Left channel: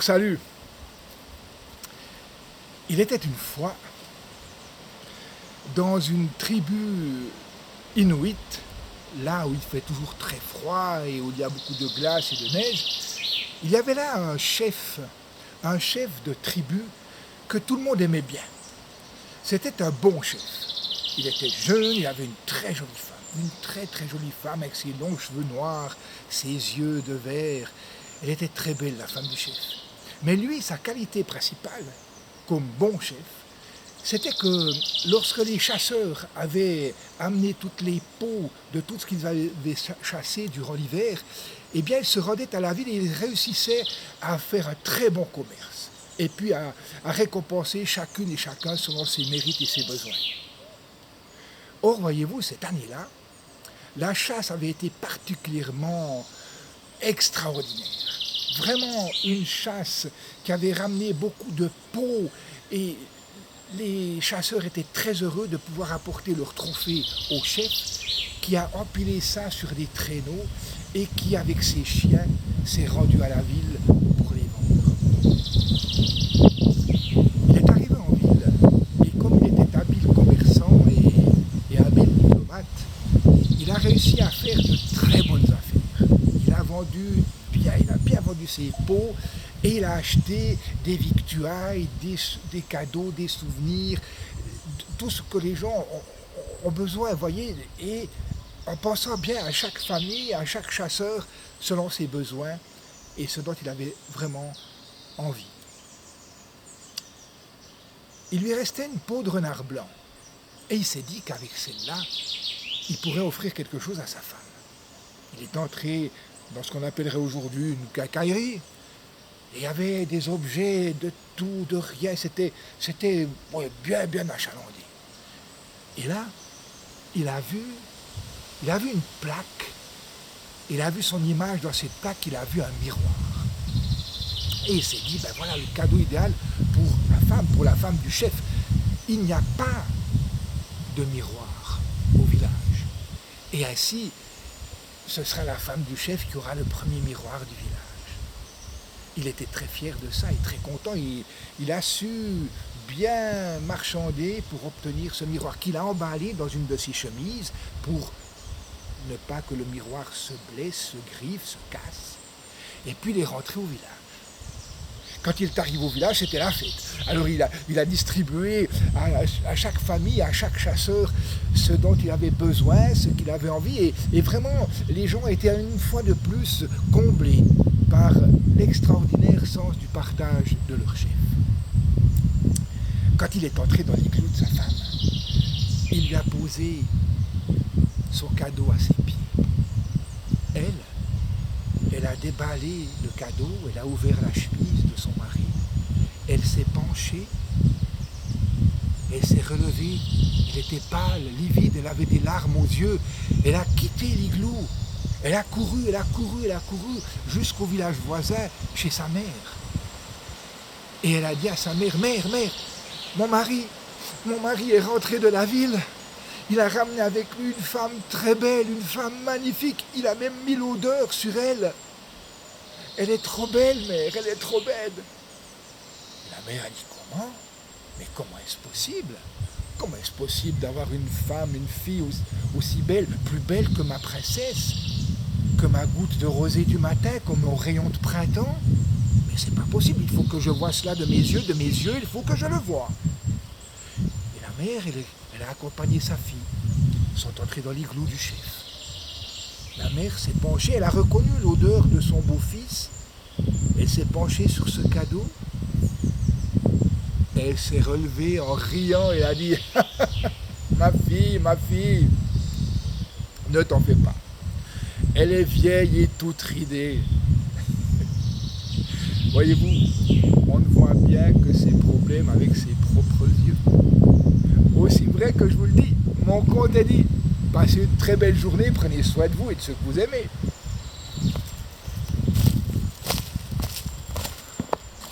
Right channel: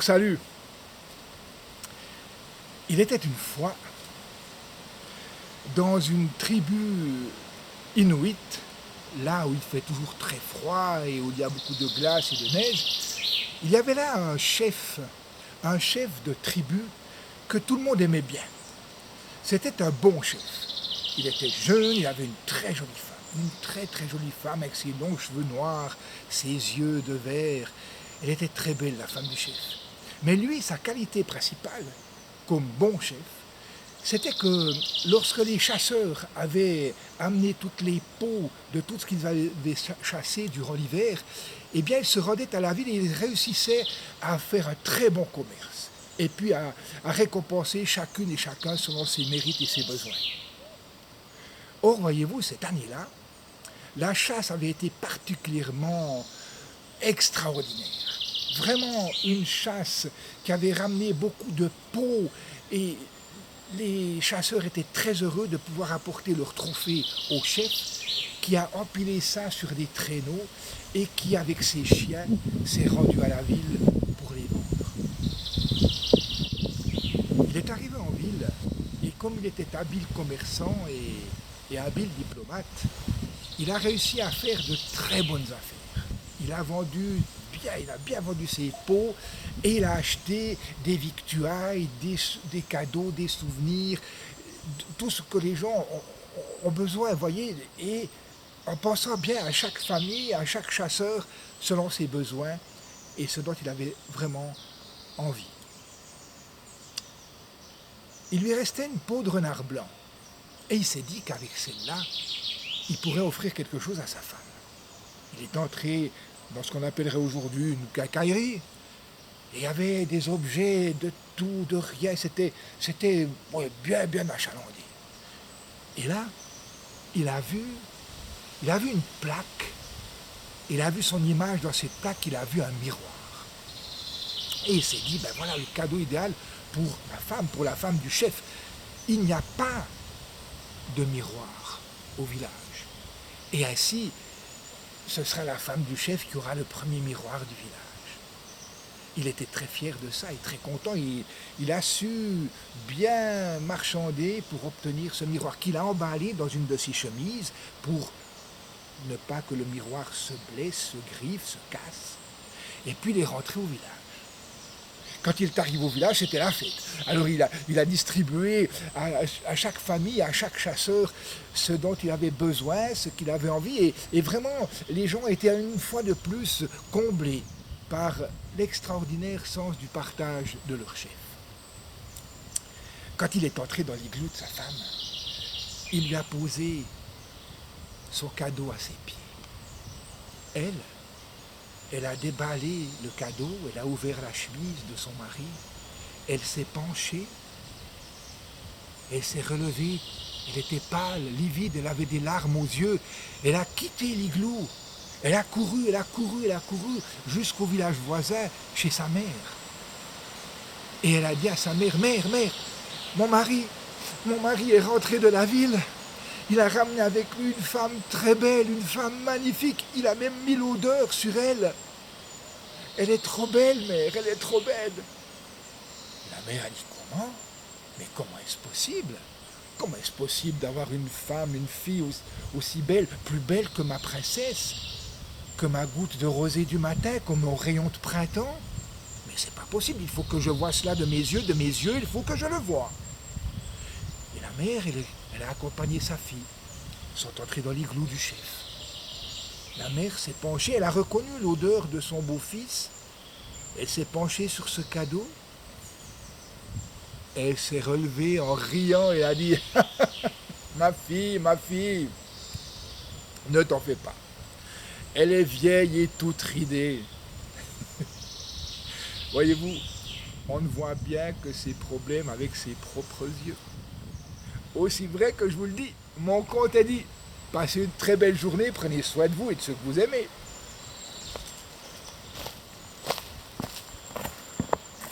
Salut. Il était une fois dans une tribu inuite, là où il fait toujours très froid et où il y a beaucoup de glace et de neige. Il y avait là un chef de tribu que tout le monde aimait bien. C'était un bon chef. Il était jeune, il avait une très jolie femme. Une très très jolie femme avec ses longs cheveux noirs, ses yeux de verre. Elle était très belle, la femme du chef. Mais lui, sa qualité principale, comme bon chef, c'était que lorsque les chasseurs avaient amené toutes les peaux de tout ce qu'ils avaient chassé durant l'hiver, eh bien, ils se rendaient à la ville et ils réussissaient à faire un très bon commerce. Et puis à récompenser chacune et chacun selon ses mérites et ses besoins. Or, voyez-vous, cette année-là, la chasse avait été particulièrement extraordinaire. Vraiment une chasse qui avait ramené beaucoup de peaux et les chasseurs étaient très heureux de pouvoir apporter leur trophée au chef qui a empilé ça sur des traîneaux et qui, avec ses chiens, s'est rendu à la ville pour les vendre. Il est arrivé en ville et comme il était habile commerçant et habile diplomate, il a réussi à faire de très bonnes affaires. Il a bien vendu ses peaux et il a acheté des victuailles, des cadeaux, des souvenirs, tout ce que les gens ont besoin, voyez, et en pensant bien à chaque famille, à chaque chasseur, selon ses besoins et ce dont il avait vraiment envie. Il lui restait une peau de renard blanc et il s'est dit qu'avec celle-là, il pourrait offrir quelque chose à sa femme. Il est entré dans ce qu'on appellerait aujourd'hui une quincaillerie. Et il y avait des objets de tout, de rien. C'était bien achalandé. Et là, il a vu une plaque. Il a vu son image dans cette plaque. Il a vu un miroir. Et il s'est dit, ben voilà le cadeau idéal pour la femme du chef. Il n'y a pas de miroir au village. Et ainsi, ce sera la femme du chef qui aura le premier miroir du village. Il était très fier de ça et très content. Il a su bien marchander pour obtenir ce miroir qu'il a emballé dans une de ses chemises pour ne pas que le miroir se blesse, se griffe, se casse. Et puis il est rentré au village. Quand il est arrivé au village, c'était la fête. Alors il a distribué à chaque famille, à chaque chasseur, ce dont il avait besoin, ce qu'il avait envie. Et vraiment, les gens étaient une fois de plus comblés par l'extraordinaire sens du partage de leur chef. Quand il est entré dans l'igloo de sa femme, il lui a posé son cadeau à ses pieds. Elle a déballé le cadeau, elle a ouvert la chemise de son mari, elle s'est penchée, elle s'est relevée, elle était pâle, livide, elle avait des larmes aux yeux, elle a quitté l'igloo, elle a couru jusqu'au village voisin, chez sa mère. Et elle a dit à sa mère, mère, mon mari est rentré de la ville. Il a ramené avec lui une femme très belle, une femme magnifique. Il a même mis l'odeur sur elle. Elle est trop belle, mère, elle est trop belle. Et la mère a dit, comment ? Mais comment est-ce possible ? Comment est-ce possible d'avoir une femme, une fille aussi belle, plus belle que ma princesse, que ma goutte de rosée du matin, comme mon rayon de printemps ? Mais c'est pas possible, il faut que je voie cela de mes yeux, il faut que je le voie. Et la mère, elle a accompagné sa fille. Ils sont entrés dans l'igloo du chef. La mère s'est penchée, elle a reconnu l'odeur de son beau-fils. Elle s'est penchée sur ce cadeau. Elle s'est relevée en riant et a dit « Ma fille, ne t'en fais pas. Elle est vieille et toute ridée. » Voyez-vous, on ne voit bien que ses problèmes avec ses propres yeux. Aussi vrai que je vous le dis, mon compte est dit. Passez une très belle journée, prenez soin de vous et de ceux que vous aimez.